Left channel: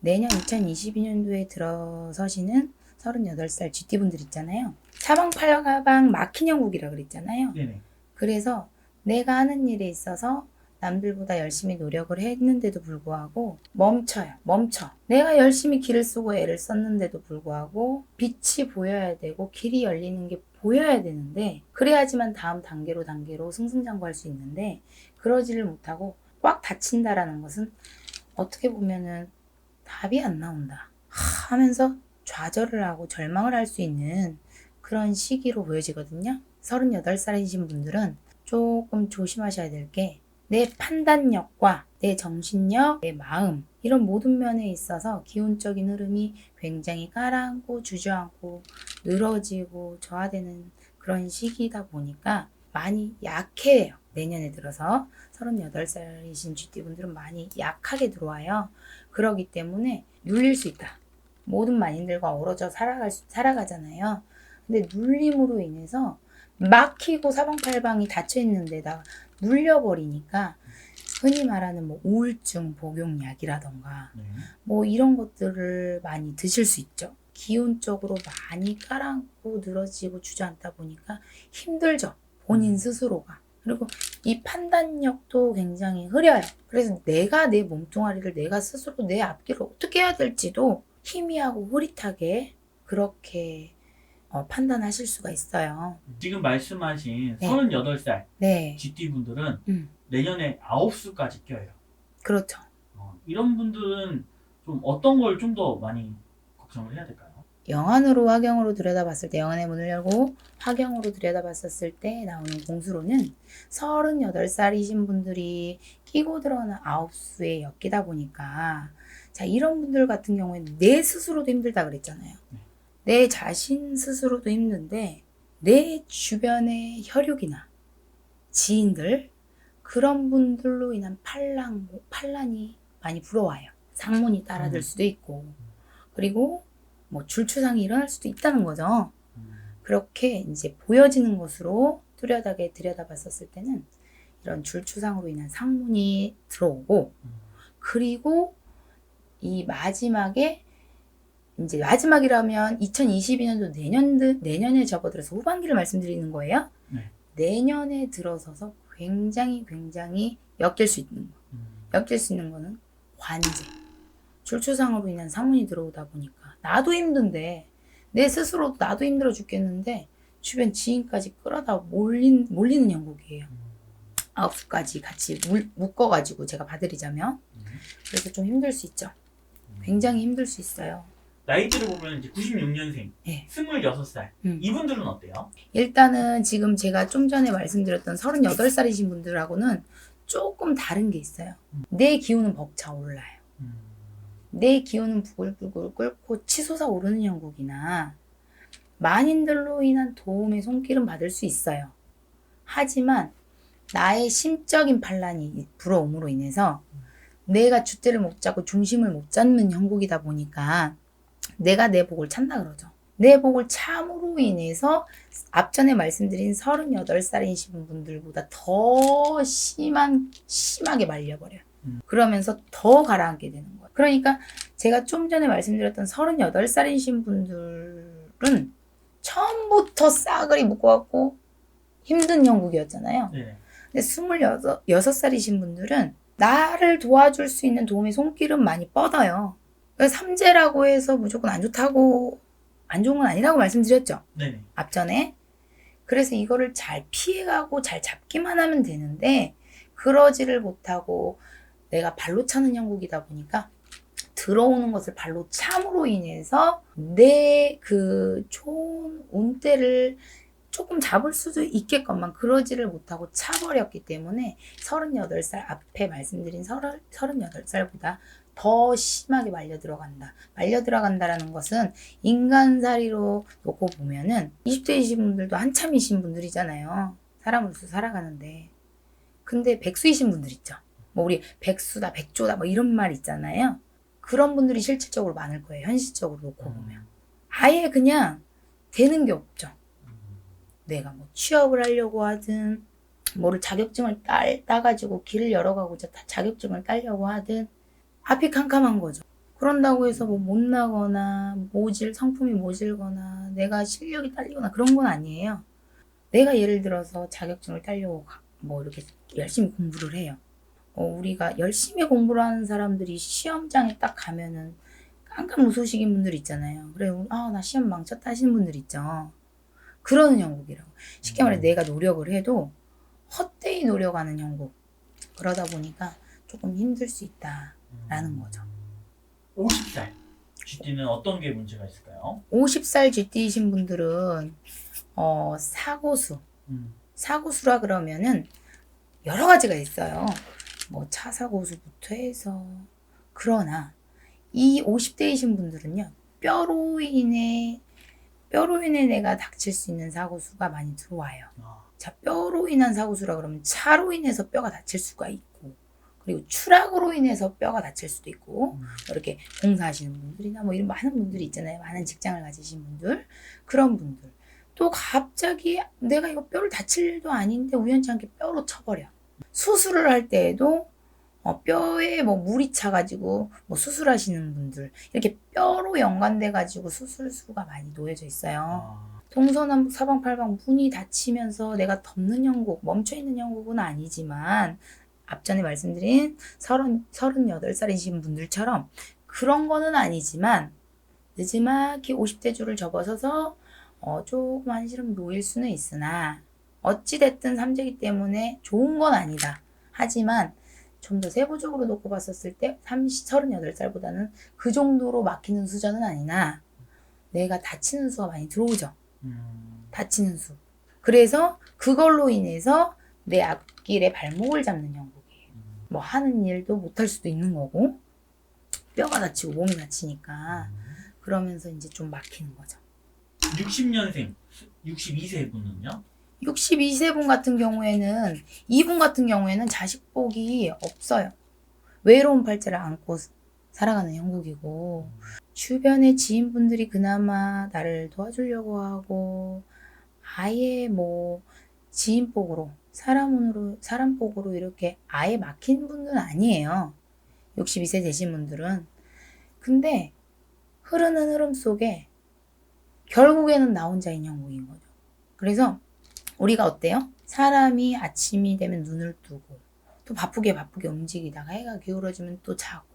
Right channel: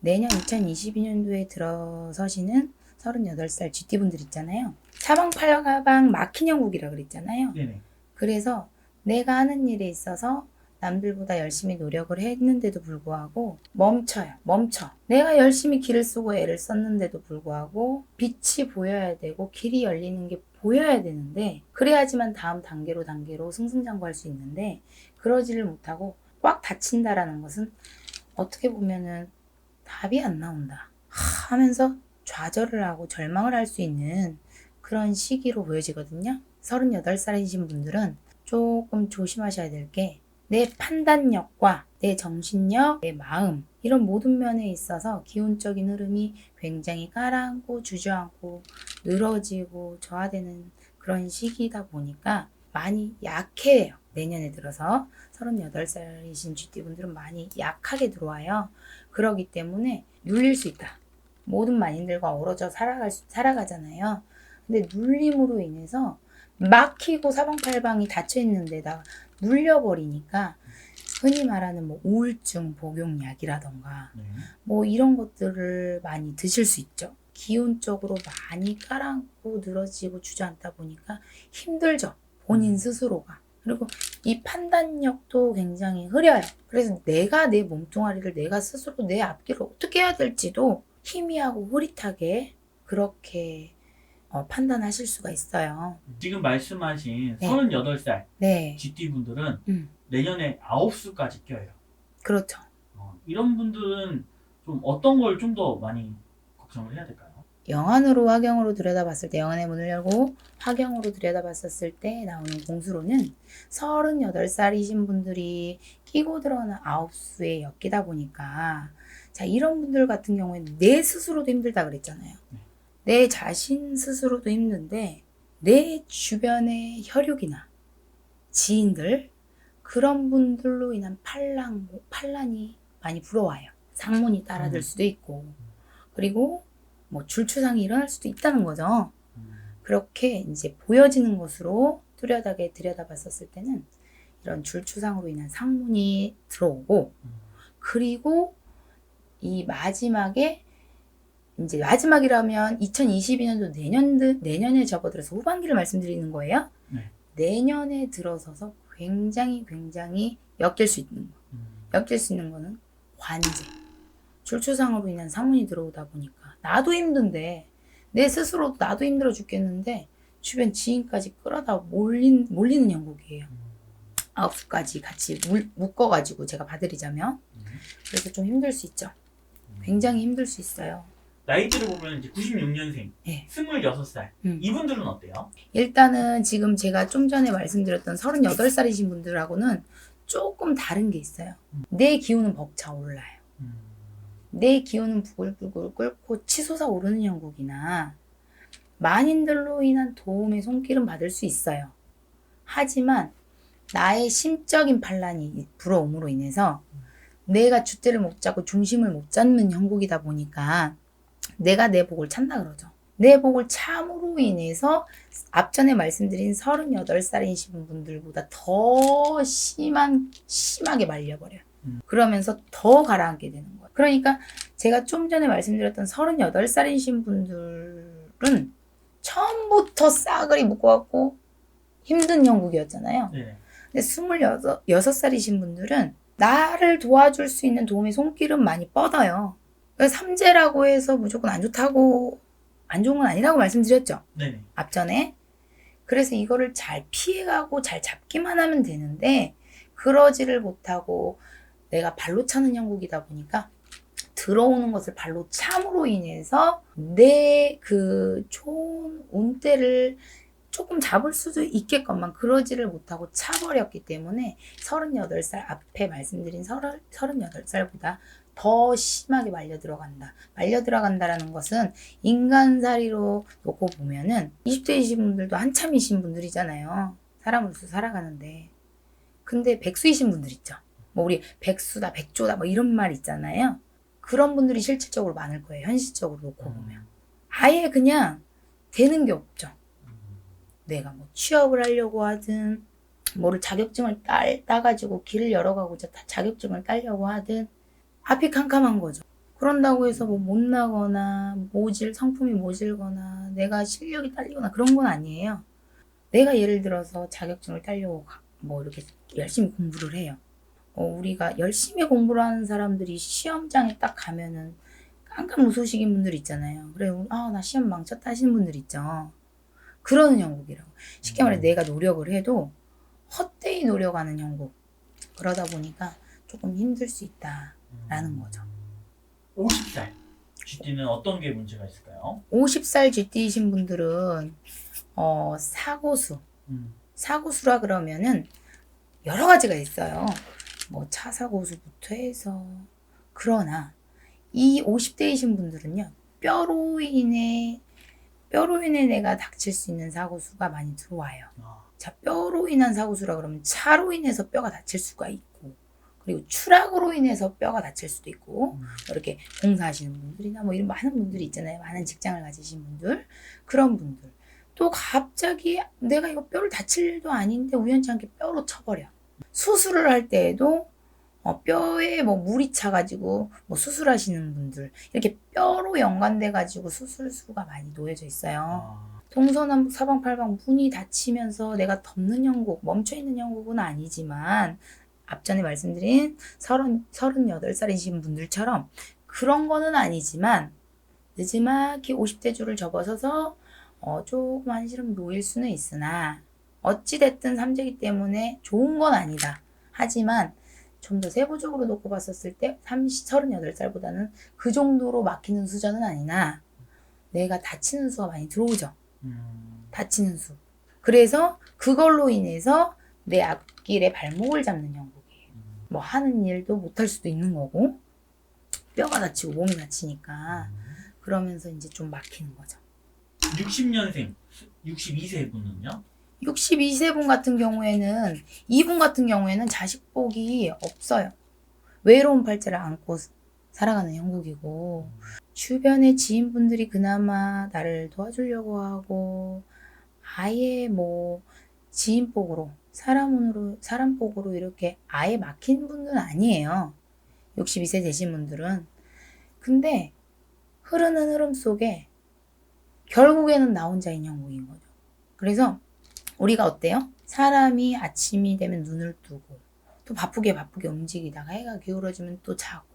내년 2022년도에 들어서시는 38살 GT분들 있잖아요. 사방팔가방 막힌 형국이라 그랬잖아요. 네네. 그래서 내가 하는 일에 있어서 남들보다 열심히 노력을 했는데도 불구하고 멈춰. 내가 열심히 길을 쓰고 애를 썼는데도 불구하고 빛이 보여야 되고 길이 열리는 게 보여야 되는데, 그래야지만 다음 단계로 승승장구할 수 있는데, 그러지를 못하고 꽉 닫힌다라는 것은 어떻게 보면은 답이 안 나온다 하면서 좌절을 하고 절망을 할 수 있는 그런 시기로 보여지거든요. 38살이신 분들은 조금 조심하셔야 될 게, 내 판단력과 내 정신력, 내 마음, 이런 모든 면에 있어서 기운적인 흐름이 굉장히 가라앉고 주저앉고 늘어지고 저하되는 그런 시기다 보니까 많이 약해요. 내년에 들어서 38살이신 GT분들은 많이 약하게 들어와요. 그러기 때문에 눌릴 수 있다. 모든 만인들과 어우러져 살아가잖아요. 근데 눌림으로 인해서 막히고 사방팔방이 닫혀있는 데다 눌려버리니까 흔히 말하는 뭐 우울증 복용약이라던가 네. 뭐 이런 것들을 많이 드실 수 있죠. 기운적으로 많이 깔아앉고 늘어지고 주저앉다 보니까 힘들죠. 본인 스스로가. 그리고 이 판단력도 굉장히 흐려요. 그래서 내가 내 몸뚱아리를 내가 스스로 내 앞길을 어떻게 해야 될지도 희미하고 흐릿하게 그렇게 판단하실 수가 있어요. 지금 말씀하신 네. 38살 네. GT분들은 음, 내년에 9수까지 껴요. 그렇죠. 이런 분들은 좀 어떤 걸 좀 더 많이 걱정을 해야 될까요? 영안으로 화경으로 들여다봤을 때, 영안의 문을 열고 화경으로 들여다봤었을 때 나오는 공수로는 38살이신 분들이 끼고 들어오는 9수에 엮이다 보니까, 자, 이런 분들 같은 경우에는 내 스스로도 힘들다 그랬잖아요. 내 자신 스스로도 힘든데 내 주변의 혈육이나 지인들, 그런 분들로 인한 판란이 많이 불어와요. 상문이 따라들 수도 있고, 그리고 뭐 줄추상이 일어날 수도 있다는 거죠. 그렇게 이제 보여지는 것으로 뚜렷하게 들여다봤었을 때는 이런 줄추상으로 인한 상문이 들어오고, 그리고 이 마지막에, 이제 마지막이라면 2022년도 내년에 접어들어서 후반기를 말씀드리는 거예요. 네. 내년에 들어서서 굉장히 엮일 수 있는 거. 엮일 수 있는 거는 관제. 줄추상으로 인한 상문이 들어오다 보니까 나도 힘든데, 내 스스로도 나도 힘들어 죽겠는데 주변 지인까지 끌어다 몰리는 형국이에요. 9수까지 같이 묶어가지고 제가 봐드리자면. 그래서 좀 힘들 수 있죠. 굉장히 힘들 수 있어요. 나이대를 보면 이제 96년생, 네. 26살. 이분들은 어때요? 일단은 지금 제가 좀 전에 말씀드렸던 38살이신 분들하고는 조금 다른 게 있어요. 내 기운은 벅차올라요. 내 기운은 부글부글 끓고 치솟아 오르는 형국이나 만인들로 인한 도움의 손길은 받을 수 있어요. 하지만 나의 심적인 반란이 불어옴으로 인해서 내가 줏대를 못 잡고 중심을 못 잡는 형국이다 보니까 내가 내 복을 찾나 그러죠. 내 복을 참으로 인해서 앞전에 말씀드린 38살이신 분들보다 더 심하게 말려버려요. 그러면서 더 가라앉게 되는 거예요. 그러니까 제가 좀 전에 말씀드렸던 38살이신 분들은 처음부터 싸그리 묶어갖고 힘든 형국이었잖아요. 네. 근데 26살이신 분들은 나를 도와줄 수 있는 도움의 손길은 많이 뻗어요. 삼재라고 해서 무조건 안 좋은 건 아니라고 말씀드렸죠. 네네. 앞전에. 그래서 이거를 잘 피해가고 잘 잡기만 하면 되는데, 그러지를 못하고 내가 발로 차는 형국이다 보니까 들어오는 것을 발로 참으로 인해서 내 그 좋은 운대를 조금 잡을 수도 있겠건만 그러지를 못하고 차버렸기 때문에 38살, 앞에 말씀드린 38살보다 더 심하게 말려 들어간다라는 것은 인간살이로 놓고 보면은 20대이신 분들도 한참이신 분들이잖아요. 사람으로서 살아가는데. 근데 백수이신 분들 있죠. 뭐 우리 백수다, 백조다 뭐 이런 말 있잖아요. 그런 분들이 실질적으로 많을 거예요. 현실적으로 놓고 보면. 아예 그냥 되는 게 없죠. 내가 뭐 취업을 하려고 하든, 뭐를 자격증을 따가지고 길을 열어가고자 자격증을 따려고 하든, 앞이 캄캄한 거죠. 그런다고 해서 뭐 못나거나 성품이 모질거나 내가 실력이 딸리거나 그런 건 아니에요. 내가 예를 들어서 자격증을 따려고 뭐 이렇게 열심히 공부를 해요. 우리가 열심히 공부를 하는 사람들이 시험장에 딱 가면은 깜깜 웃으시긴 분들 있잖아요. 그래, 나 시험 망쳤다 하시는 분들 있죠. 그러는 형국이라고. 쉽게 말해 내가 노력을 해도 헛되이 노력하는 형국. 그러다 보니까 조금 힘들 수 있다라는 거죠. 50살 GT는 어떤 게 문제가 있을까요? 50살 GT이신 분들은 사고수. 음. 사고수라 그러면은 여러 가지가 있어요. 뭐 차 사고수부터 해서. 그러나 이 50대이신 분들은요. 뼈로 인해 내가 닥칠 수 있는 사고수가 많이 들어와요. 자, 뼈로 인한 사고수라 그러면 차로 인해서 뼈가 다칠 수가 있고, 그리고 추락으로 인해서 뼈가 다칠 수도 있고, 이렇게 공사하시는 분들이나 뭐 이런 많은 분들이 있잖아요. 많은 직장을 가지신 분들, 그런 분들. 또 갑자기 내가 이거 뼈를 다칠 일도 아닌데 우연치 않게 뼈로 쳐버려. 수술을 할 때에도 뼈에 뭐 물이 차가지고 뭐 수술하시는 분들 이렇게 뼈로 연관돼 가지고 수술수가 많이 놓여져 있어요. 동서남북 사방팔방 문이 닫히면서 내가 덮는 형국, 멈춰있는 형국은 아니지만 앞전에 말씀드린 38살이신 분들처럼 그런 거는 아니지만 늦지막히 50대 줄을 접어서서 조금 한시름 놓일 수는 있으나 어찌됐든 삼재기 때문에 좋은 건 아니다. 하지만 좀 더 세부적으로 놓고 봤었을 때 38살보다는 그 정도로 막히는 수준은 아니나 내가 다치는 수가 많이 들어오죠. 다치는 수. 그래서 그걸로 인해서 내 앞길에 발목을 잡는 형국이에요. 뭐 하는 일도 못할 수도 있는 거고 뼈가 다치고 몸이 다치니까 그러면서 이제 좀 막히는 거죠. 60년생 62세 분은요? 62세 분 같은 경우에는 이분 같은 경우에는 자식복이 없어요. 외로운 팔자를 안고 살아가는 형국이고 주변의 지인분들이 그나마 나를 도와주려고 하고 아예 뭐 지인복으로 사람복으로 이렇게 아예 막힌 분들은 아니에요. 62세 되신 분들은. 근데 흐르는 흐름 속에 결국에는 나 혼자인 형국인 거죠. 그래서 우리가 어때요? 사람이 아침이 되면 눈을 뜨고 또 바쁘게 움직이다가 해가 기울어지면 또 자고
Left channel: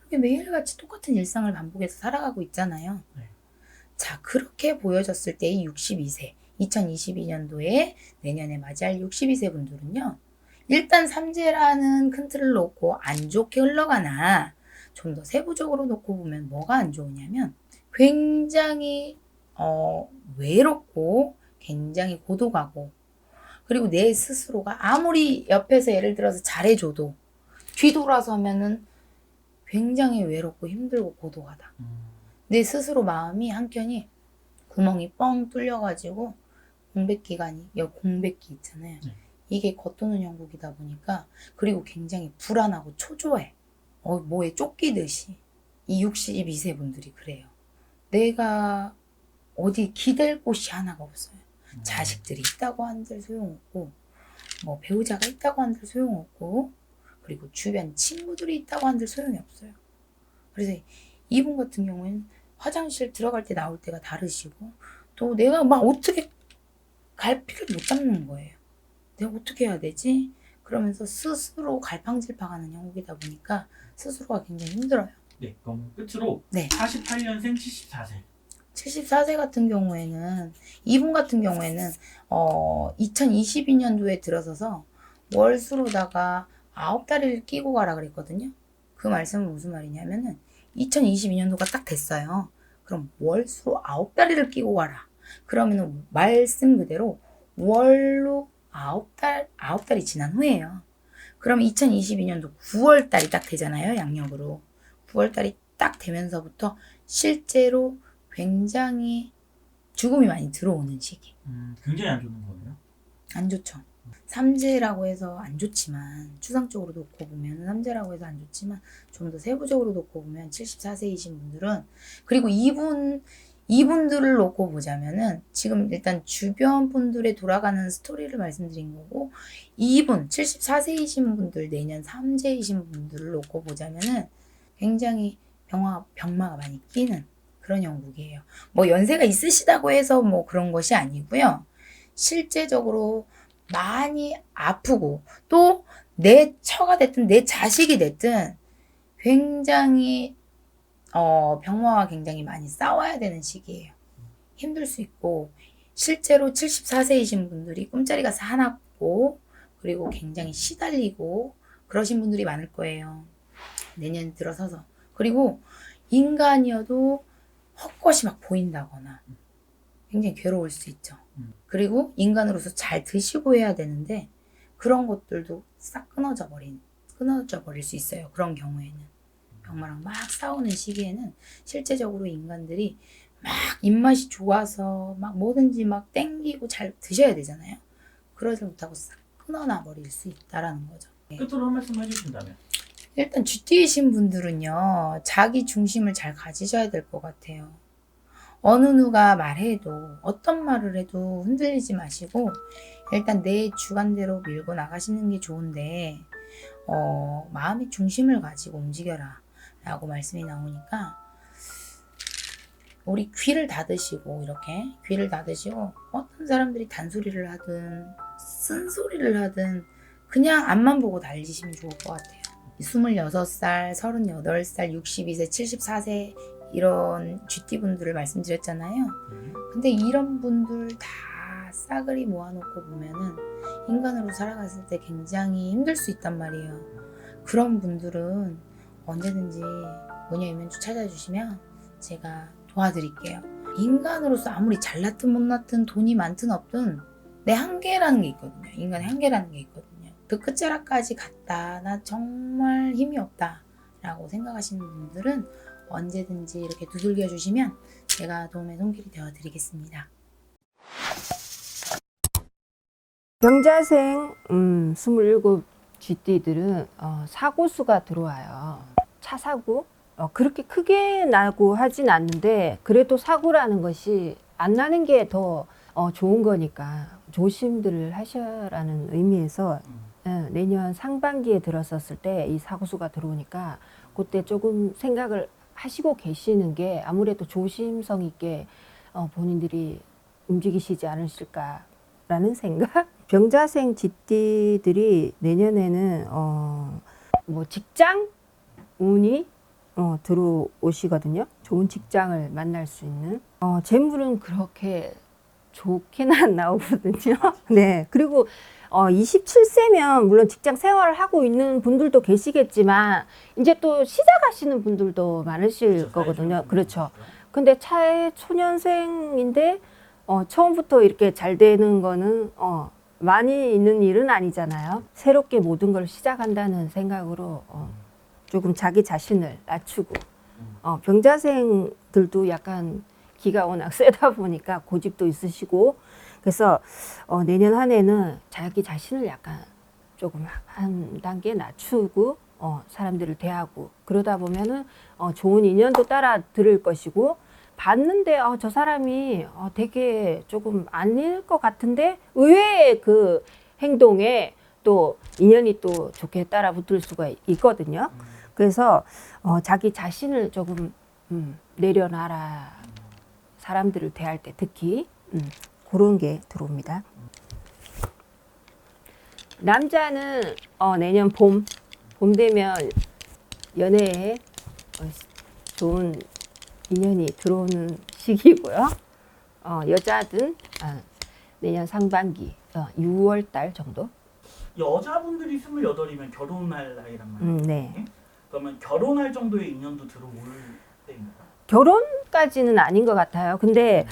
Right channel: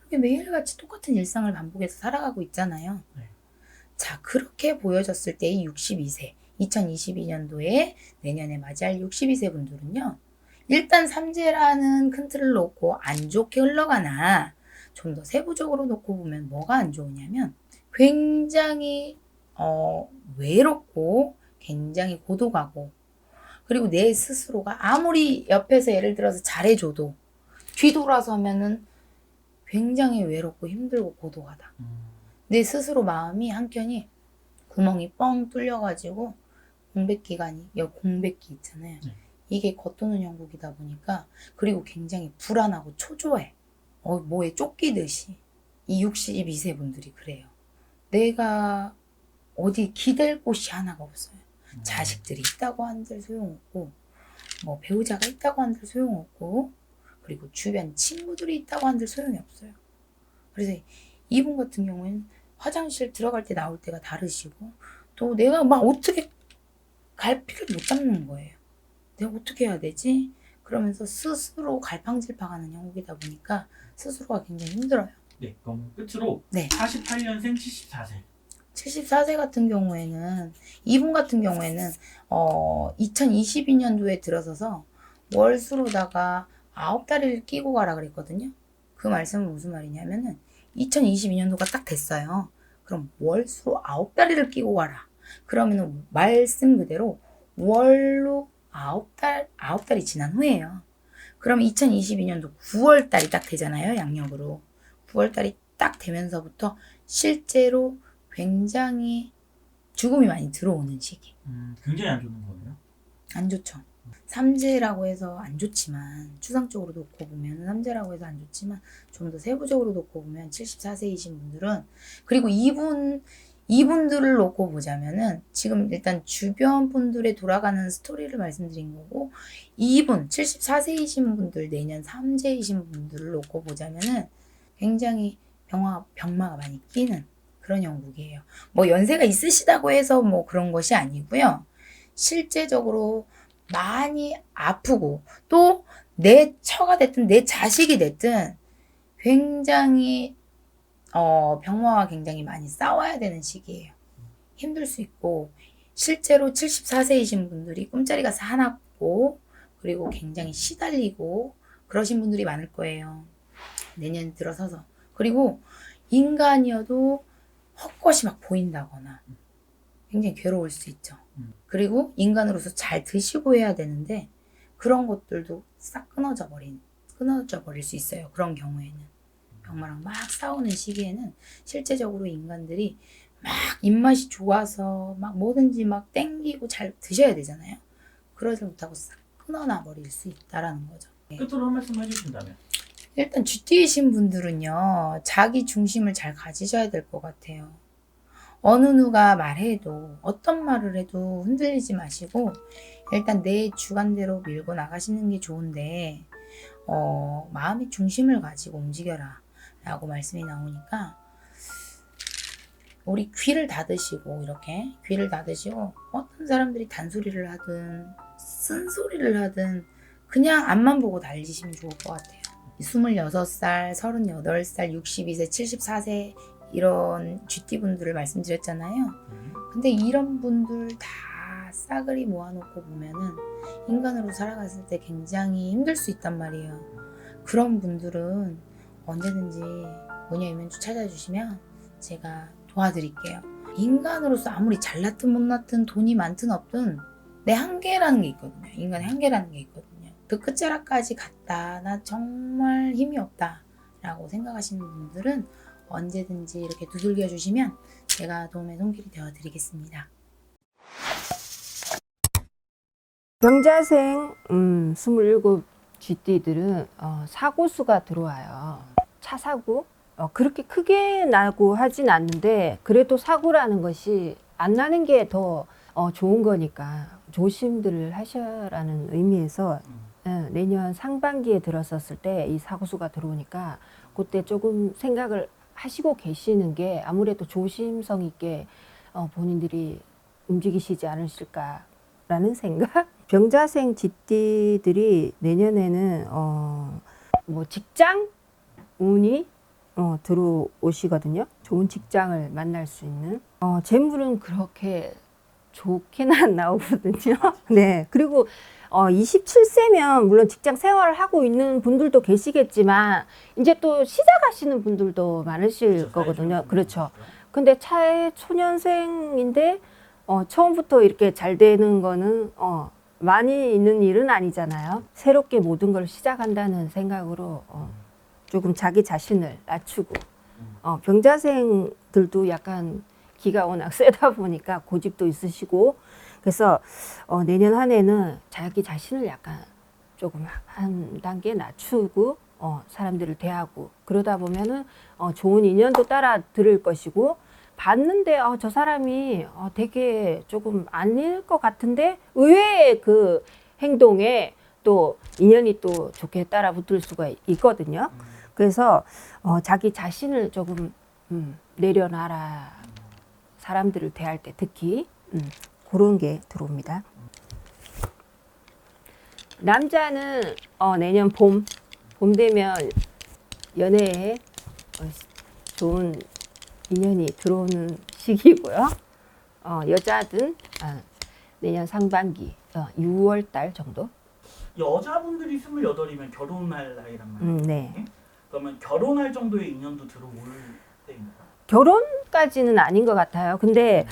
이렇게 매일같이 똑같은 일상을 반복해서 살아가고 있잖아요. 네. 자, 그렇게 보여졌을 때의 62세 2022년도에 내년에 맞이할 62세 분들은요. 일단 삼재라는 큰 틀을 놓고 안 좋게 흘러가나 좀 더 세부적으로 놓고 보면 뭐가 안 좋으냐면 굉장히 외롭고 굉장히 고독하고 그리고 내 스스로가 아무리 옆에서 예를 들어서 잘해줘도 뒤돌아서면은 굉장히 외롭고 힘들고 고독하다. 내 스스로 마음이 한켠이 구멍이 뻥 뚫려가지고 공백기간이 공백기 있잖아요. 네. 이게 겉도는 형국이다 보니까 그리고 굉장히 불안하고 초조해. 뭐에 쫓기듯이. 이 62세 분들이 그래요. 내가 어디 기댈 곳이 하나가 없어요. 자식들이 있다고 한들 소용없고 뭐 배우자가 있다고 한들 소용없고 그리고 주변 친구들이 있다고 한들 소용이 없어요. 그래서 이분 같은 경우에는 화장실 들어갈 때 나올 때가 다르시고 또 내가 막 어떻게 갈피를 못 잡는 거예요. 내가 어떻게 해야 되지? 그러면서 스스로 갈팡질팡하는 형국이다 보니까 스스로가 굉장히 힘들어요. 네, 그럼 끝으로 네. 48년생 74세 74세 같은 경우에는 이분 같은 경우에는 2022년도에 들어서서 월수로다가 9다리를 끼고 가라 그랬거든요. 그 말씀은 무슨 말이냐면은 2022년도가 딱 됐어요. 그럼 월수로 9다리를 끼고 가라. 그러면은 말씀 그대로 월로 9달이 지난 후에요. 그럼 2022년도 9월달이 딱 되잖아요. 양력으로. 9월달이 딱 되면서부터 실제로 굉장히 죽음이 많이 들어오는 시기. 굉장히 안 좋은 거예요? 안 좋죠. 삼재라고 해서 안 좋지만 추상적으로 놓고 보면 삼재라고 해서 안 좋지만 좀 더 세부적으로 놓고 보면 74세이신 분들은 그리고 이분들을 놓고 보자면은 지금 일단 주변 분들의 돌아가는 스토리를 말씀드린 거고 이분 74세이신 분들 내년 삼재이신 분들을 놓고 보자면은 굉장히 병마가 많이 끼는 그런 형국이에요. 뭐 연세가 있으시다고 해서 뭐 그런 것이 아니고요. 실제적으로 많이 아프고 또 내 처가 됐든 내 자식이 됐든 굉장히 병마와 굉장히 많이 싸워야 되는 시기예요. 힘들 수 있고 실제로 74세이신 분들이 꿈자리가 사납고 그리고 굉장히 시달리고 그러신 분들이 많을 거예요. 내년 들어서서. 그리고 인간이어도 헛것이 막 보인다거나 굉장히 괴로울 수 있죠. 그리고 인간으로서 잘 드시고 해야 되는데 그런 것들도 싹 끊어져 버릴 수 있어요. 그런 경우에는. 병마랑 막 싸우는 시기에는 실제적으로 인간들이 막 입맛이 좋아서 막 뭐든지 막 땡기고 잘 드셔야 되잖아요. 그러지 못하고 싹 끊어놔 버릴 수 있다라는 거죠. 끝으로 한 말씀 해주신다면. 일단 쥐띠이신 분들은요, 자기 중심을 잘 가지셔야 될 것 같아요. 어느 누가 말해도 어떤 말을 해도 흔들리지 마시고 일단 내 주관대로 밀고 나가시는 게 좋은데 마음의 중심을 가지고 움직여라 라고 말씀이 나오니까 우리 귀를 닫으시고 이렇게 귀를 닫으시고 어떤 사람들이 단소리를 하든 쓴소리를 하든 그냥 앞만 보고 달리시면 좋을 것 같아요. 26살, 38살, 62세, 74세 이런 쥐띠분들을 말씀드렸잖아요. 근데 이런 분들 다 싸그리 모아놓고 보면은 인간으로 살아갔을 때 굉장히 힘들 수 있단 말이에요. 그런 분들은 언제든지 모녀이면주 찾아주시면 제가 도와드릴게요. 인간으로서 아무리 잘났든 못났든 돈이 많든 없든 내 한계라는 게 있거든요. 인간의 한계라는 게 있거든요. 그 끝자락까지 갔다 나 정말 힘이 없다 라고 생각하시는 분들은 언제든지 이렇게 두들겨 주시면 제가 도움의 손길이 되어 드리겠습니다. 병자생 27 쥐띠들은 사고수가 들어와요. 차 사고 그렇게 크게 나고 하진 않는데 그래도 사고라는 것이 안 나는 게 더 좋은 거니까 조심들을 하셔라는 의미에서 내년 상반기에 들어섰을 때 이 사고수가 들어오니까 그때 조금 생각을 하시고 계시는 게 아무래도 조심성 있게 본인들이 움직이시지 않으실까라는 생각? 병자생 쥐띠들이 내년에는 뭐 직장 운이 들어오시거든요. 좋은 직장을 만날 수 있는. 재물은 그렇게 좋게는 안 나오거든요. 네. 그리고 27세면 물론 직장 생활을 하고 있는 분들도 계시겠지만 이제 또 시작하시는 분들도 많으실 거거든요. 그렇죠. 근데 차에 초년생인데 처음부터 이렇게 잘 되는 거는 많이 있는 일은 아니잖아요. 새롭게 모든 걸 시작한다는 생각으로 조금 자기 자신을 낮추고 병자생들도 약간 기가 워낙 세다 보니까 고집도 있으시고 그래서 내년 한 해는 자기 자신을 약간 조금 한 단계 낮추고 사람들을 대하고 그러다 보면은 좋은 인연도 따라 들을 것이고 봤는데 저 사람이 되게 조금 아닐 것 같은데 의외의 그 행동에 또 인연이 또 좋게 따라 붙을 수가 있거든요. 그래서 자기 자신을 조금 내려놔라. 사람들을 대할 때 특히 그런 게 들어옵니다. 남자는 내년 봄 되면 연애에 좋은 인연이 들어오는 시기고요. 여자든 내년 상반기 6월 달 정도. 여자분들이 28이면 결혼할 나이란 말이에요. 네. 그러면 결혼할 정도의 인연도 들어올 때입니다. 결혼까지는 아닌 것 같아요. 근데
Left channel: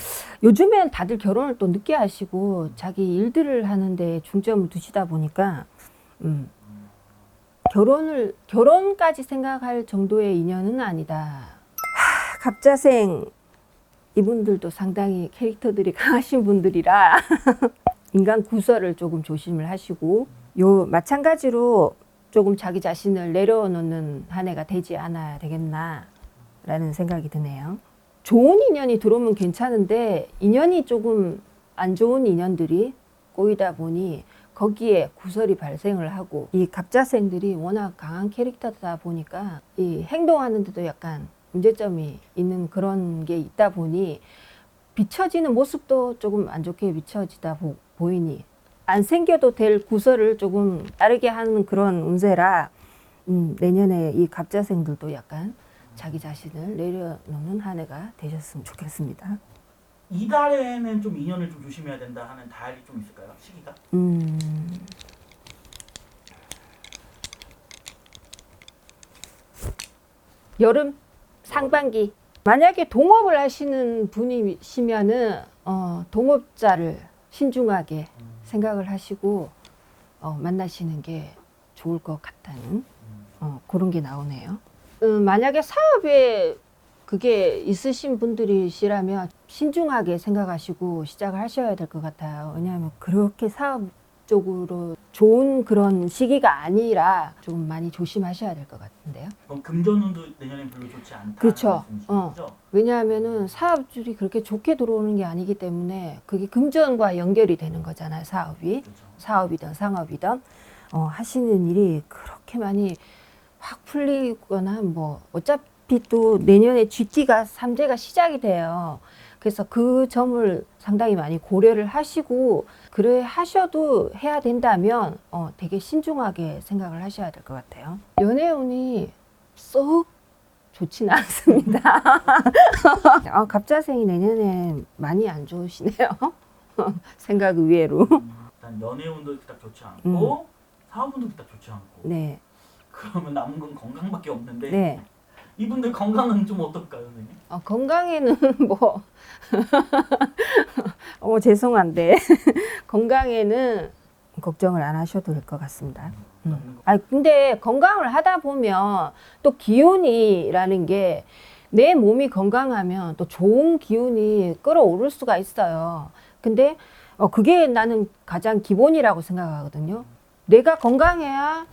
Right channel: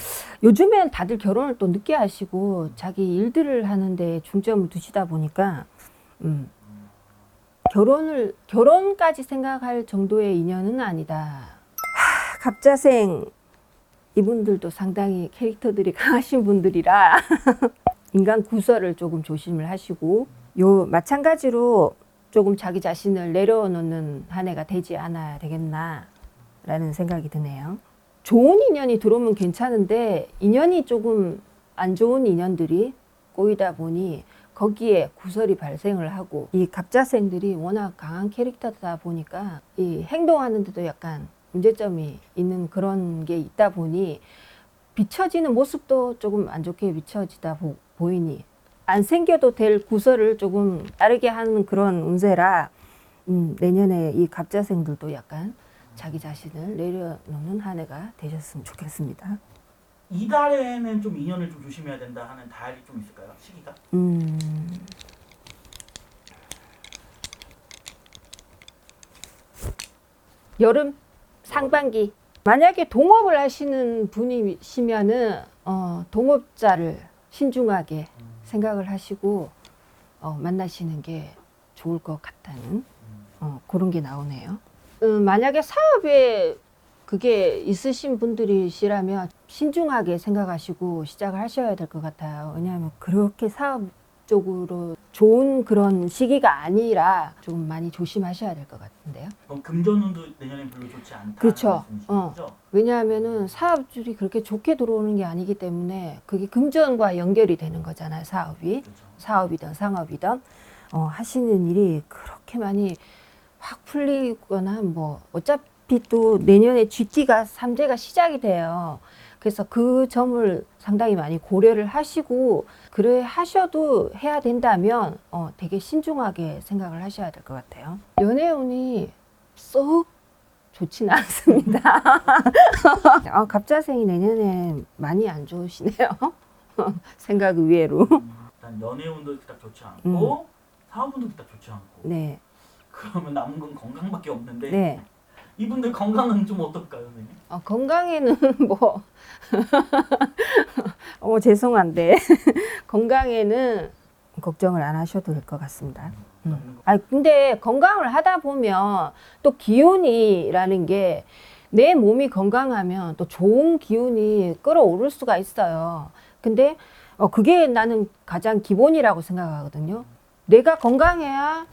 요즘엔 다들 결혼을 또 늦게 하시고 자기 일들을 하는데 중점을 두시다 보니까 결혼까지 생각할 정도의 인연은 아니다. 갑자생 이분들도 상당히 캐릭터들이 강하신 분들이라 인간 구설을 조금 조심을 하시고 마찬가지로 조금 자기 자신을 내려놓는 한 해가 되지 않아야 되겠나 라는 생각이 드네요. 좋은 인연이 들어오면 괜찮은데 인연이 조금 안 좋은 인연들이 꼬이다 보니 거기에 구설이 발생을 하고 이 갑자생들이 워낙 강한 캐릭터다 보니까 이 행동하는 데도 약간 문제점이 있는 그런 게 있다 보니 비춰지는 모습도 조금 안 좋게 비춰지다 보이니 안 생겨도 될 구설을 조금 따르게 하는 그런 운세라 내년에 이 갑자생들도 약간 자기 자신을 내려놓는 한 해가 되셨으면 좋겠습니다. 이달에는 좀 인연을 좀 조심해야 된다 하는 달이 좀 있을까요? 시기가? 여름 상반기 만약에 동업을 하시는 분이시면은 동업자를 신중하게 생각을 하시고 만나시는 게 좋을 것 같다는 그런 게 나오네요. 만약에 사업에 그게 있으신 분들이시라면 신중하게 생각하시고 시작을 하셔야 될 것 같아요. 왜냐하면 그렇게 사업적으로 좋은 그런 시기가 아니라 좀 많이 조심하셔야 될 것 같은데요. 그럼 금전운도 내년엔 별로 좋지 않다. 그렇죠. 말씀이시죠? 왜냐하면은 사업줄이 그렇게 좋게 들어오는 게 아니기 때문에 그게 금전과 연결이 되는 거잖아요. 사업이. 그렇죠. 사업이든 상업이든 하시는 일이 그렇게 많이 확 풀리거나 뭐 어차피 또 내년에 GT가 3제가 시작이 돼요. 그래서 그 점을 상당히 많이 고려를 하시고 그래 하셔도 해야 된다면 되게 신중하게 생각을 하셔야 될 것 같아요. 연애운이 썩 좋지는 않습니다. 갑자생이 내년에 많이 안 좋으시네요. 생각 의외로. 일단 연애운도 딱 좋지 않고 사업운도 딱 좋지 않고. 네. 그러면 남은 건 건강밖에 없는데 네. 이분들 건강은 좀 어떨까요, 선생님? 건강에는 뭐 죄송한데 건강에는 걱정을 안 하셔도 될 것 같습니다. 근데 건강을 하다 보면 또 기운이라는 게 내 몸이 건강하면 또 좋은 기운이 끌어오를 수가 있어요. 근데 그게 나는 가장 기본이라고 생각하거든요. 내가 건강해야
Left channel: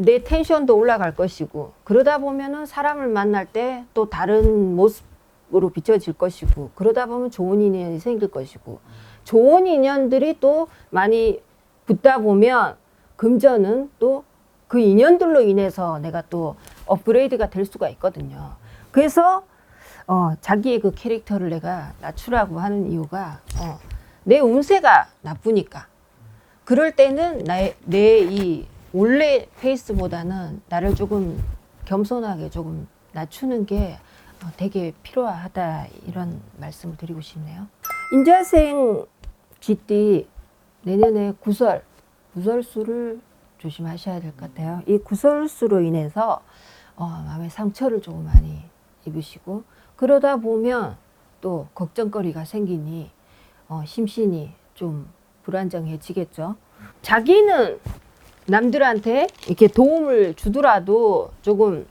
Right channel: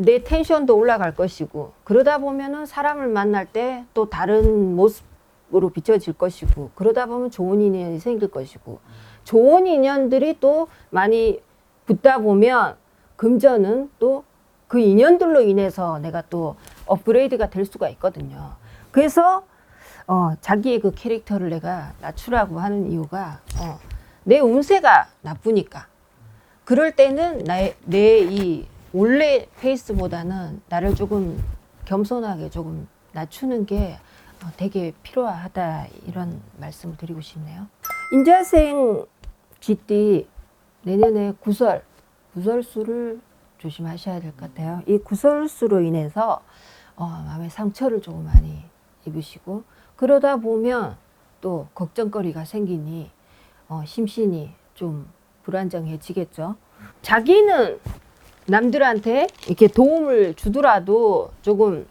내 텐션도 올라갈 것이고 그러다 보면은 사람을 만날 때 또 다른 모습으로 비춰질 것이고 그러다 보면 좋은 인연이 생길 것이고 좋은 인연들이 또 많이 붙다 보면 금전은 또 그 인연들로 인해서 내가 또 업그레이드가 될 수가 있거든요. 그래서 자기의 그 캐릭터를 내가 낮추라고 하는 이유가 내 운세가 나쁘니까 그럴 때는 내 이 원래 페이스보다는 나를 조금 겸손하게 조금 낮추는 게 되게 필요하다 이런 말씀을 드리고 싶네요. 인자생 GT 내년에 구설수를 조심하셔야 될 것 같아요. 이 구설수로 인해서 마음의 상처를 조금 많이 입으시고 그러다 보면 또 걱정거리가 생기니 심신이 좀 불안정해지겠죠. 자기는 남들한테 이렇게 도움을 주더라도 조금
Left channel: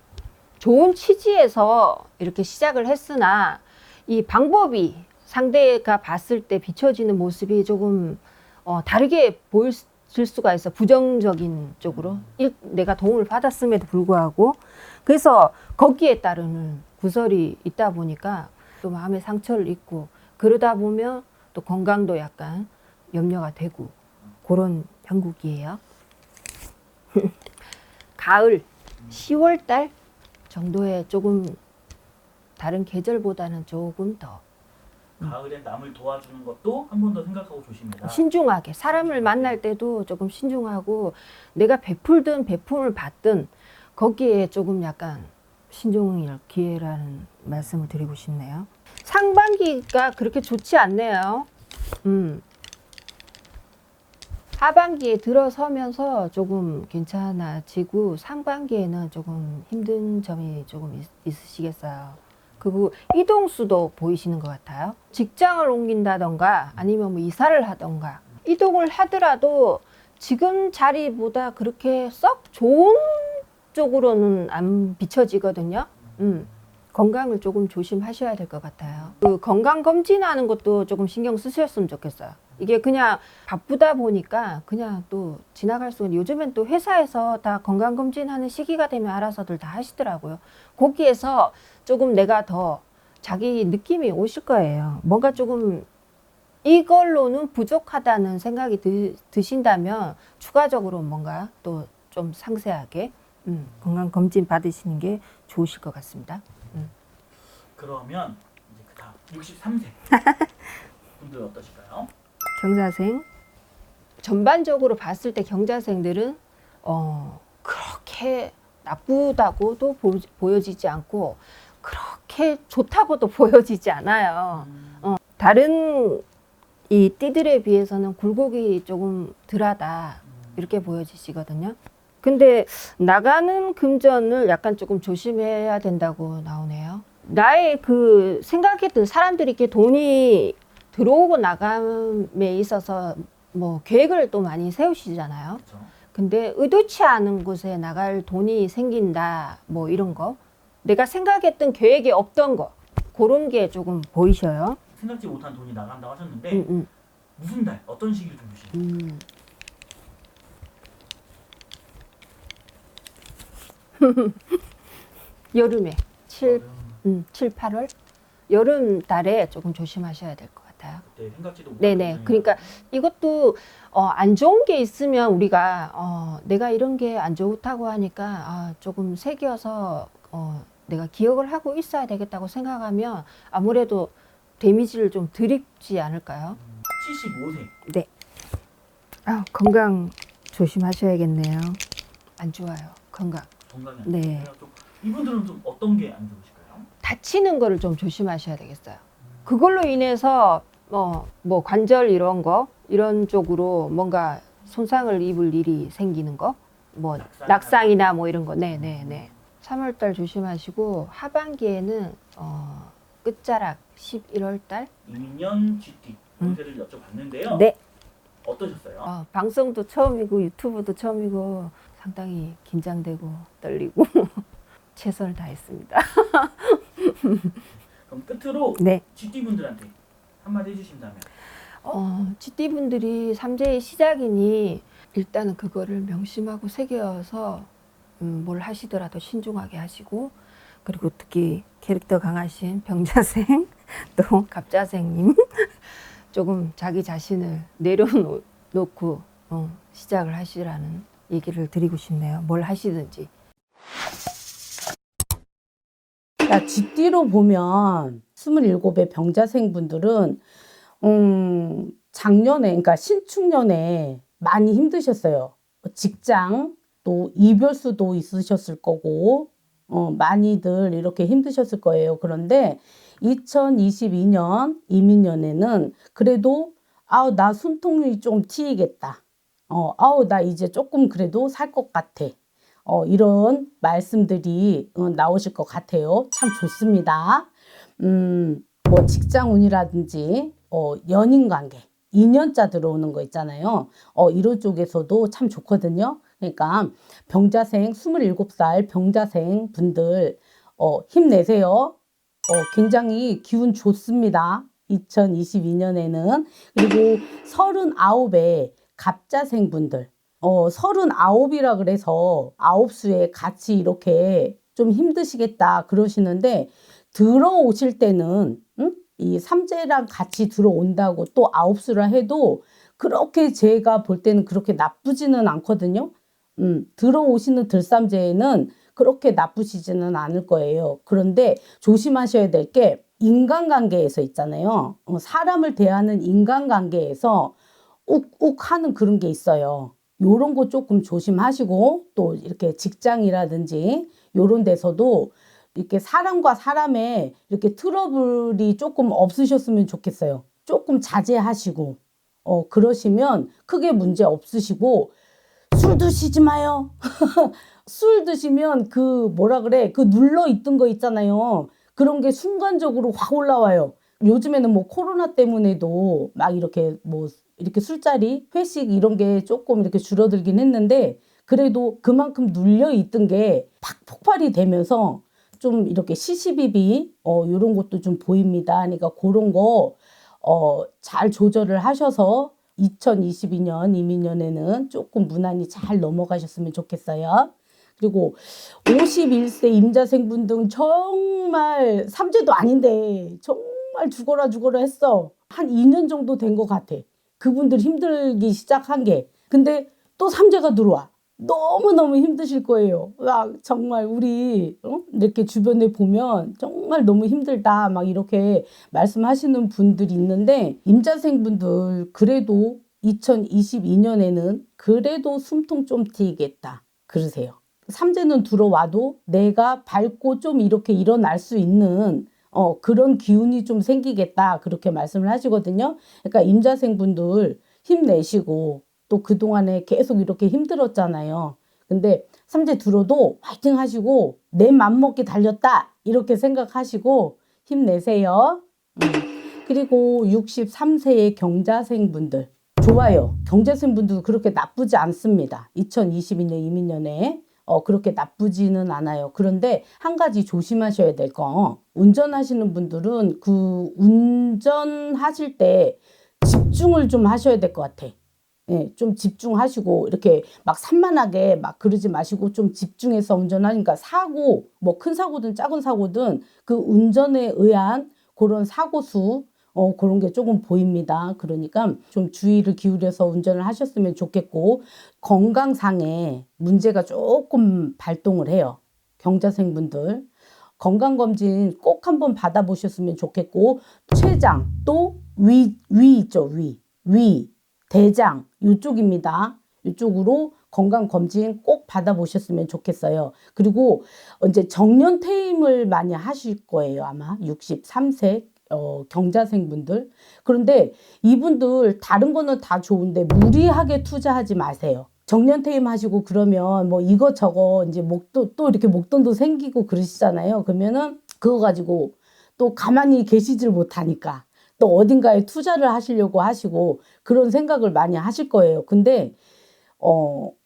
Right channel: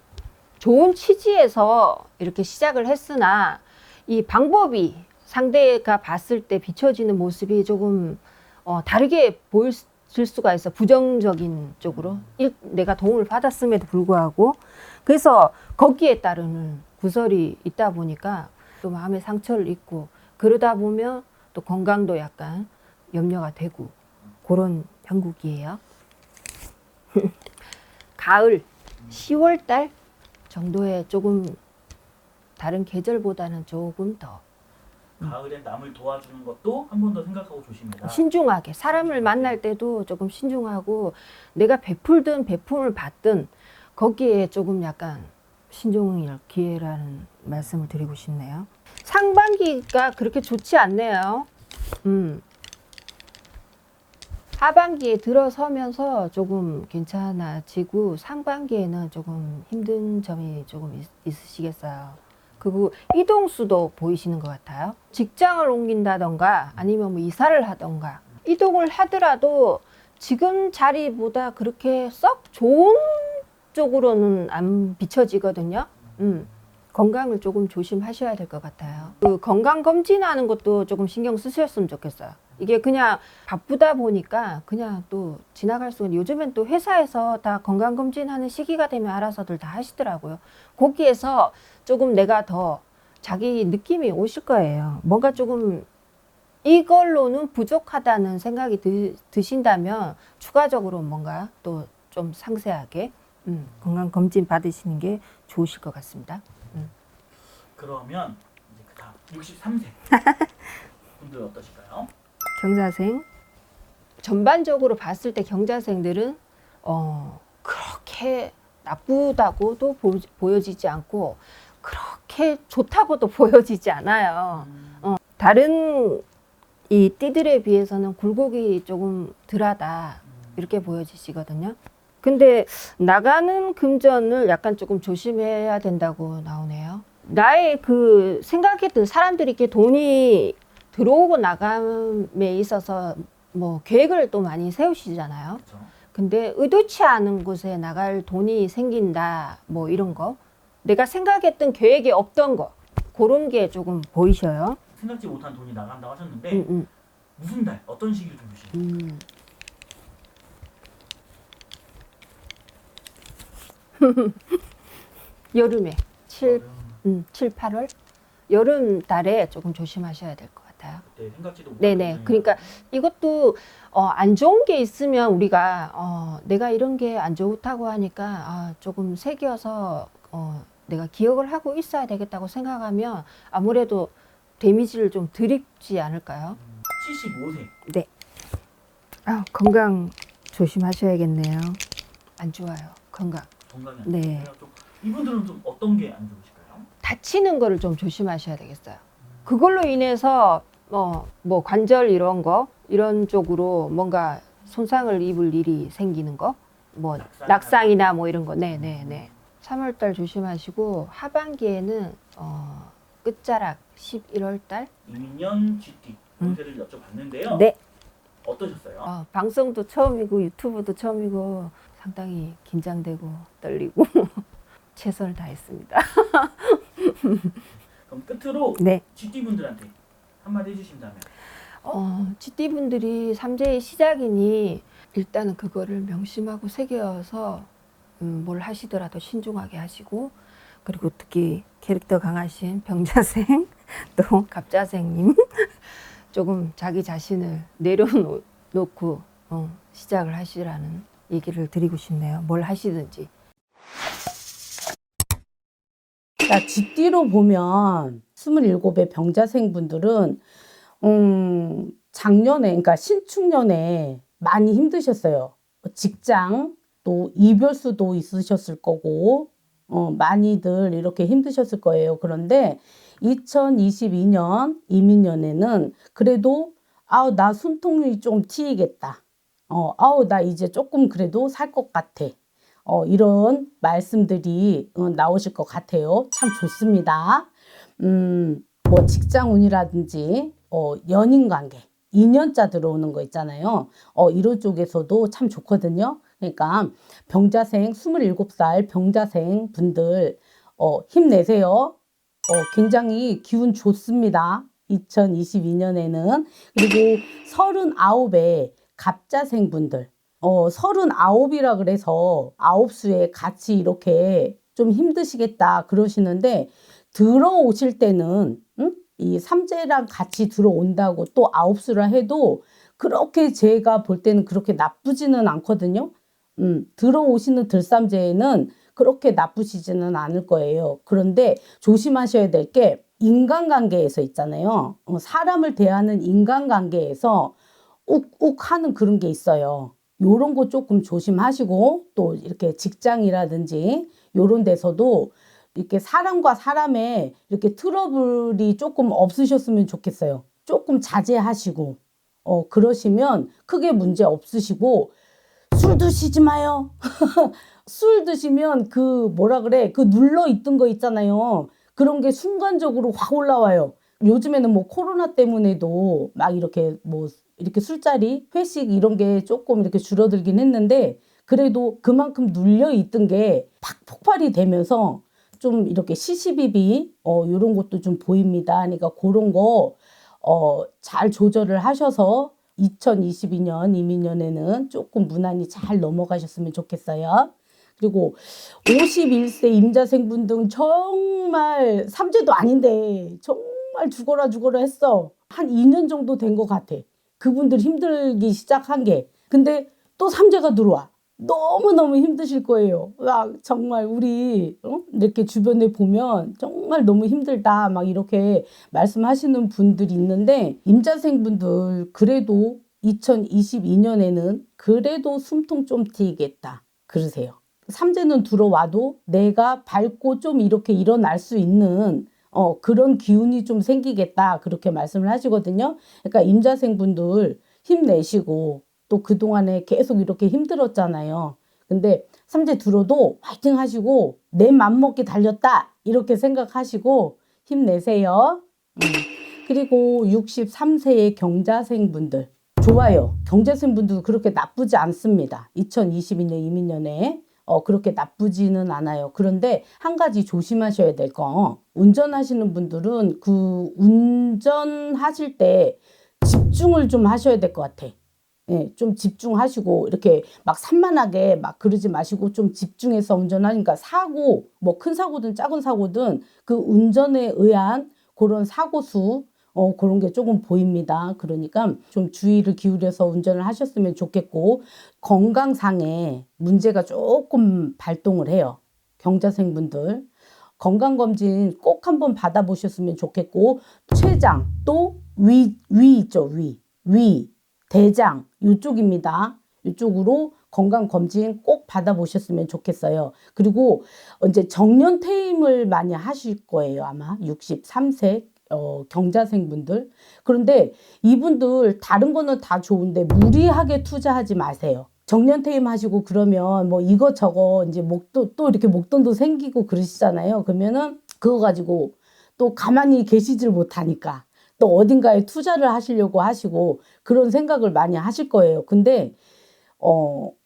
좋은 취지에서 이렇게 시작을 했으나 이 방법이 상대가 봤을 때 비춰지는 모습이 조금 다르게 보일 수가 있어. 부정적인 쪽으로 내가 도움을 받았음에도 불구하고 그래서 거기에 따르는 구설이 있다 보니까 또 마음의 상처를 입고 그러다 보면 또 건강도 약간 염려가 되고 그런 형국이에요. 가을 10월달 정도에 조금 다른 계절보다는 조금 더 가을에 남을 도와주는 것도 한 번 더 생각하고 조심해라. 신중하게 사람을 만날 때도 조금 신중하고 내가 베풀든 베품을 받든 거기에 조금 약간 신중할 기회라는 말씀을 드리고 싶네요. 상반기가 그렇게 좋지 않네요. 하반기에 들어서면서 조금 괜찮아지고 상반기에는 조금 힘든 점이 조금 있으시겠어요. 그리고 이동수도 보이시는 것 같아요. 직장을 옮긴다던가 아니면 뭐 이사를 하던가 이동을 하더라도 지금 자리보다 그렇게 썩 좋은 쪽으로는 안 비춰지거든요. 건강을 조금 조심하셔야 될 것 같아요. 그 건강 검진하는 것도 조금 신경 쓰셨으면 좋겠어요. 이게 그냥 바쁘다 보니까 그냥 또 지나갈 수 있는 요즘엔 또 회사에서 다 건강 검진하는 시기가 되면 알아서들 다 하시더라고요. 거기에서 조금 내가 더 자기 느낌이 오실 거예요. 뭔가 조금 이걸로는 부족하다는 생각이 드신다면 추가적으로 뭔가 또 좀 상세하게 건강 검진 받으시는 게 좋으실 것 같습니다. 그러면 이제 그다음 63세 분들 어떠실까요? 경자생 전반적으로 봤을 때 경자생들은 그렇게 나쁘다고도 보여지지 않고 그렇게 좋다고도 보여지지 않아요. 다른 이 띠들에 비해서는 굴곡이 조금 덜하다 이렇게 보여지시거든요. 근데 나가는 금전을 약간 조금 조심해야 된다고 나오네요. 나의 그 생각했던 사람들이 이렇게 돈이 들어오고 나감에 있어서 뭐 계획을 또 많이 세우시잖아요. 그렇죠. 근데 의도치 않은 곳에 나갈 돈이 생긴다 뭐 이런 거 내가 생각했던 계획이 없던 거 그런 게 조금 보이셔요. 생각지 못한 돈이 나간다고 하셨는데 무슨 달, 어떤 시기를 좀 보시나요? 여름에 7, 여름, 7, 8월 여름 달에 조금 조심하셔야 될 것 같아요. 그때 생각지도 못한 네네. 돈이 그러니까 이것도 안 좋은 게 있으면 우리가 내가 이런 게 안 좋다고 하니까 조금 새겨서 내가 기억을 하고 있어야 되겠다고 생각하면 아무래도 데미지를 좀 덜 입지 않을까요? 75세 네. 건강 조심하셔야겠네요. 안 좋아요. 건강. 건강이 네. 안 좋아요. 좀 이분들은 좀 어떤 게 안 좋으실까요? 다치는 거를 좀 조심하셔야 되겠어요. 그걸로 인해서 뭐 관절 이런 쪽으로 뭔가 손상을 입을 일이 생기는 거, 뭐 낙상이나 뭐 이런 거, 네네네. 3월달 조심하시고 하반기에는 끝자락 11월달. 이민년 GT 운세를 여쭤봤는데요. 네. 어떠셨어요? 방송도 처음이고 유튜브도 처음이고 상당히 긴장되고 떨리고 최선을 다했습니다. 그럼 끝으로 네. GT 분들한테 한마디 해주신다면. GT분들이 삼재의 시작이니 일단은 그거를 명심하고 새겨서 뭘 하시더라도 신중하게 하시고 그리고 특히 캐릭터 강하신 병자생 또 갑자생님 조금 자기 자신을 내려놓고 시작을 하시라는 얘기를 드리고 싶네요. 뭘 하시든지. GT로 보면 27의 병자생 분들은 작년에 그러니까 신축년에 많이 힘드셨어요. 직장 또 이별수도 있으셨을 거고 많이들 이렇게 힘드셨을 거예요. 그런데 2022년 이민년에는 그래도 나 숨통이 좀 트이겠다. 나 이제 조금 그래도 살 것 같아. 이런 말씀들이 나오실 것 같아요. 참 좋습니다. 뭐 직장운이라든지 연인관계, 인연자 들어오는 거 있잖아요. 이런 쪽에서도 참 좋거든요. 그러니까 병자생 27살 병자생 분들 힘내세요. 굉장히 기운 좋습니다. 2022년에는. 그리고 39의 갑자생 분들 39이라 그래서 9수에 같이 이렇게 좀 힘드시겠다 그러시는데 들어오실 때는 이 삼재랑 같이 들어온다고 또 9수라 해도 그렇게 제가 볼 때는 그렇게 나쁘지는 않거든요. 들어오시는 들삼재에는 그렇게 나쁘시지는 않을 거예요. 그런데 조심하셔야 될 게 인간관계에서 있잖아요. 사람을 대하는 인간관계에서 욱욱 하는 그런 게 있어요. 요런 거 조금 조심하시고 또 이렇게 직장이라든지 요런 데서도 이렇게 사람과 사람의 이렇게 트러블이 조금 없으셨으면 좋겠어요. 조금 자제하시고 그러시면 크게 문제 없으시고 술 드시지 마요. 술 드시면 그 뭐라 그래 그 눌러 있던 거 있잖아요. 그런 게 순간적으로 확 올라와요. 요즘에는 뭐 코로나 때문에도 막 이렇게 뭐 이렇게 술자리, 회식 이런 게 조금 이렇게 줄어들긴 했는데 그래도 그만큼 눌려 있던 게 팍 폭발이 되면서 좀 이렇게 시시비비 이런 것도 좀 보입니다. 그러니까 그런 거 잘 조절을 하셔서 2022년 이민년에는 조금 무난히 잘 넘어가셨으면 좋겠어요. 그리고 51세 임자생분 등 정말 삼재도 아닌데 정말 죽어라 했어. 한 2년 정도 된 것 같아. 그분들 힘들기 시작한 게. 근데 또 삼재가 들어와. 너무너무 힘드실 거예요. 와, 정말 우리 이렇게 주변에 보면 정말 너무 힘들다 막 이렇게 말씀하시는 분들이 있는데 임자생분들 그래도 2022년에는 그래도 숨통 좀 트이겠다 그러세요. 삼재는 들어와도 내가 밟고 좀 이렇게 일어날 수 있는 그런 기운이 좀 생기겠다 그렇게 말씀을 하시거든요. 그러니까 임자생분들 힘내시고 또 그동안에 계속 이렇게 힘들었잖아요. 근데 삼재 들어도 화이팅 하시고 내 맘먹기 달렸다 이렇게 생각하시고 힘내세요. 그리고 63세의 경자생분들 좋아요. 경자생분들도 그렇게 나쁘지 않습니다. 2022년 이민년에 그렇게 나쁘지는 않아요. 그런데 한 가지 조심하셔야 될 거, 운전하시는 분들은 그 운전하실 때 집중을 좀 하셔야 될 것 같아. 예, 좀 집중하시고 이렇게 막 산만하게 막 그러지 마시고 좀 집중해서 운전하니까 사고, 뭐 큰 사고든 작은 사고든 그 운전에 의한 그런 사고 수 그런 게 조금 보입니다. 그러니까 좀 주의를 기울여서 운전을 하셨으면 좋겠고, 건강상에 문제가 조금 발동을 해요. 경자생분들 건강검진 꼭 한번 받아보셨으면 좋겠고, 췌장 또 위 있죠. 위 대장 이쪽입니다. 이쪽으로 건강검진 꼭 받아보셨으면 좋겠어요. 그리고 이제 정년퇴임을 많이 하실 거예요. 아마 63세 경자생분들. 그런데 이분들 다른 거는 다 좋은데 무리하게 투자하지 마세요. 정년퇴임 하시고 그러면 뭐 이것저것 이제 또 이렇게 목돈도 생기고 그러시잖아요. 그러면은 그거 가지고 또 가만히 계시질 못하니까 또 어딘가에 투자를 하시려고 하시고 그런 생각을 많이 하실 거예요. 근데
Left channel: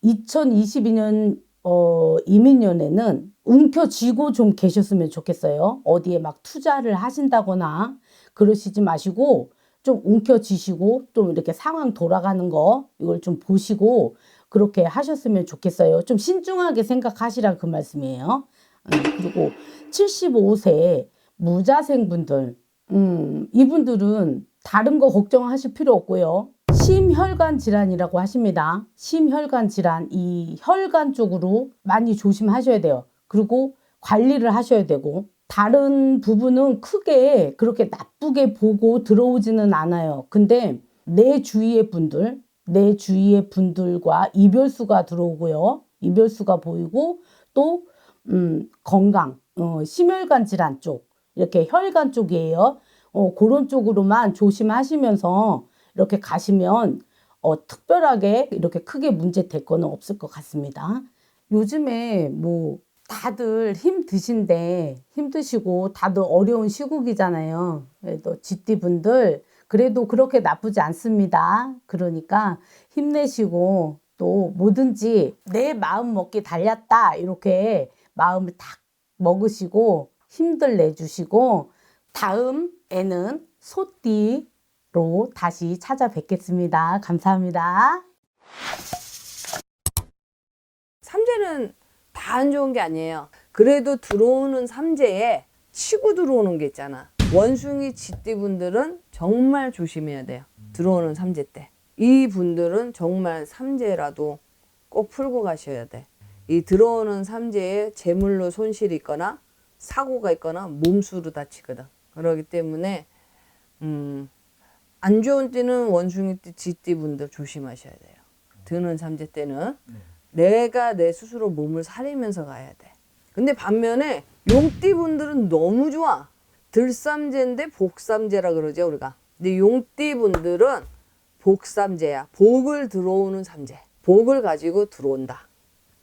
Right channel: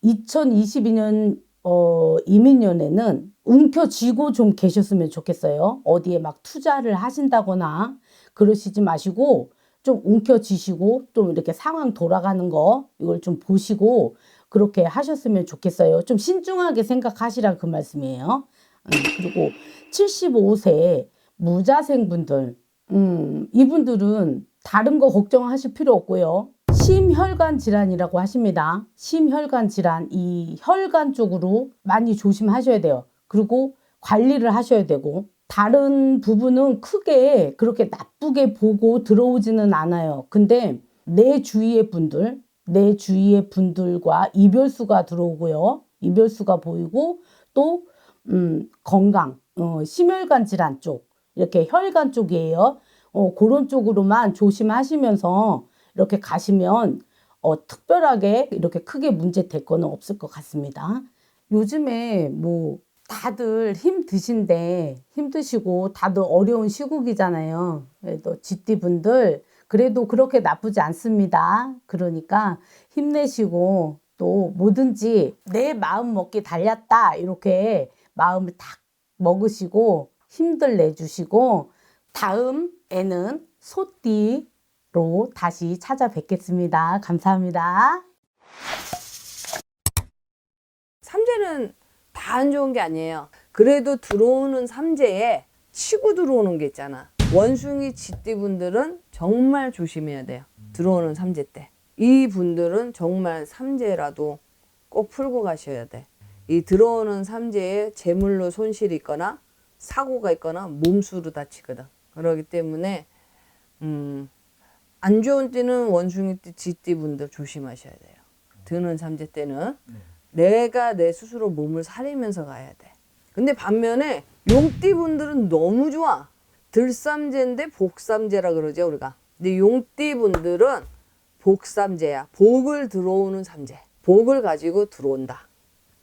2022년 이민년에는 움켜쥐고 좀 계셨으면 좋겠어요. 어디에 막 투자를 하신다거나 그러시지 마시고 좀 움켜쥐시고 좀 이렇게 상황 돌아가는 거 이걸 좀 보시고 그렇게 하셨으면 좋겠어요. 좀 신중하게 생각하시라 그 말씀이에요. 그리고 75세 무자생분들 이분들은 다른 거 걱정하실 필요 없고요. 심혈관 질환이라고 하십니다. 심혈관 질환, 이 혈관 쪽으로 많이 조심하셔야 돼요. 그리고 관리를 하셔야 되고, 다른 부분은 크게 그렇게 나쁘게 보고 들어오지는 않아요. 근데 내 주위의 분들과 이별수가 들어오고요. 이별수가 보이고, 또 건강, 심혈관 질환 쪽, 이렇게 혈관 쪽이에요. 그런 쪽으로만 조심하시면서 이렇게 가시면 특별하게 이렇게 크게 문제 될 거는 없을 것 같습니다. 요즘에 뭐 다들 힘드시고 다들 어려운 시국이잖아요. 그래도 GT분들 그래도 그렇게 나쁘지 않습니다. 그러니까 힘내시고 또 뭐든지 내 마음 먹기 달렸다 이렇게 마음을 딱 먹으시고 힘들 내주시고 다음에는 소띠로 다시 찾아뵙겠습니다. 감사합니다. 삼재는 다 안 좋은 게 아니에요. 그래도 들어오는 삼재에 치고 들어오는 게 있잖아. 원숭이 쥐띠분들은 정말 조심해야 돼요. 들어오는 삼재 때. 이 분들은 정말 삼재라도 꼭 풀고 가셔야 돼. 이 들어오는 삼재에 재물로 손실이 있거나 사고가 있거나 몸수로 다치거든. 그렇기 때문에 안 좋은 띠는 원숭이띠, 쥐띠분들 조심하셔야 돼요. 드는 삼재 때는 내가 내 스스로 몸을 사리면서 가야 돼. 근데 반면에 용띠분들은 너무 좋아. 들삼재인데 복삼재라 그러죠 우리가. 근데 용띠분들은 복삼재야. 복을 들어오는 삼재. 복을 가지고 들어온다.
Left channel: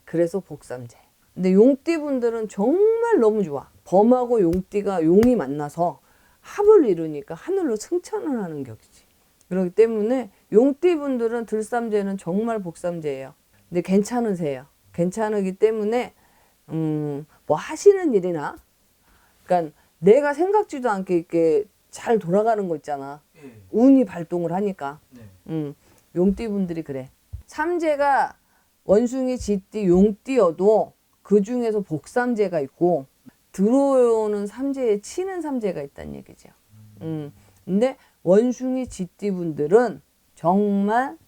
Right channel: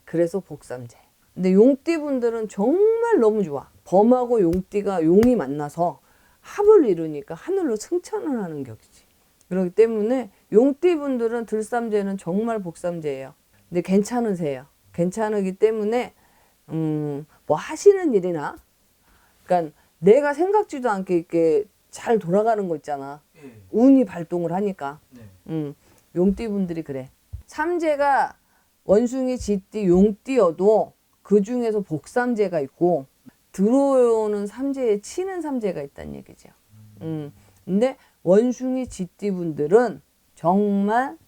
그래서 복삼재. 근데 용띠분들은 정말 너무 좋아. 범하고 용띠가 용이 만나서 합을 이루니까 하늘로 승천을 하는 격이지. 그렇기 때문에 용띠분들은 들삼재는 정말 복삼재예요. 근데 괜찮으세요. 괜찮으기 때문에 뭐 하시는 일이나 그러니까 내가 생각지도 않게 이렇게 잘 돌아가는 거 있잖아. 운이 발동을 하니까. 용띠분들이 그래. 삼재가 원숭이, 쥐띠, 용띠여도 그 중에서 복삼재가 있고 들어오는 삼재에 치는 삼재가 있다는 얘기죠. 근데 원숭이, 쥐띠분들은 정말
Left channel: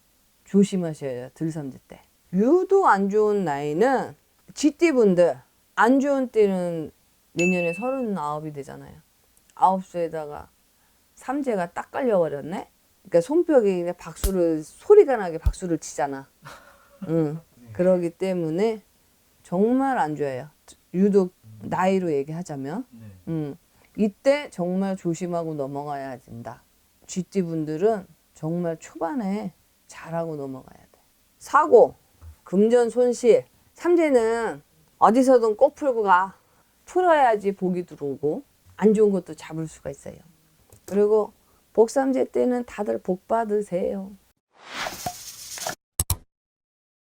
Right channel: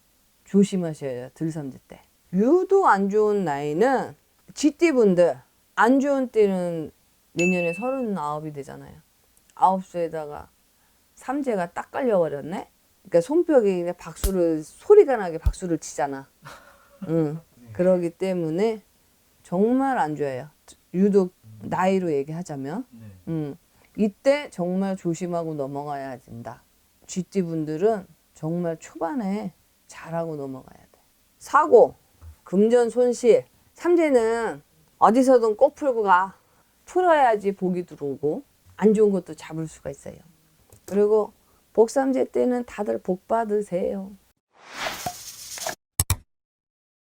조심하셔야 해요. 들삼재 때. 유독 안 좋은 나이는 쥐띠분들. 안 좋은 띠는 내년에 39이 되잖아요. 9세에다가 삼재가 딱 깔려버렸네. 그러니까 손뼉이 그냥 박수를 소리가 나게 박수를 치잖아. 응. 그러기 때문에 정말 안 좋아요. 유독 나이로 얘기하자면. 이때 정말 조심하고 넘어가야 된다. 쥐띠분들은 정말 초반에 잘하고 넘어가야 돼. 사고, 금전 손실. 삼재는 어디서든 꼭 풀고 가. 풀어야지 복이 들어오고 안 좋은 것도 잡을 수가 있어요. 그리고 복삼재 때는 다들 복 받으세요.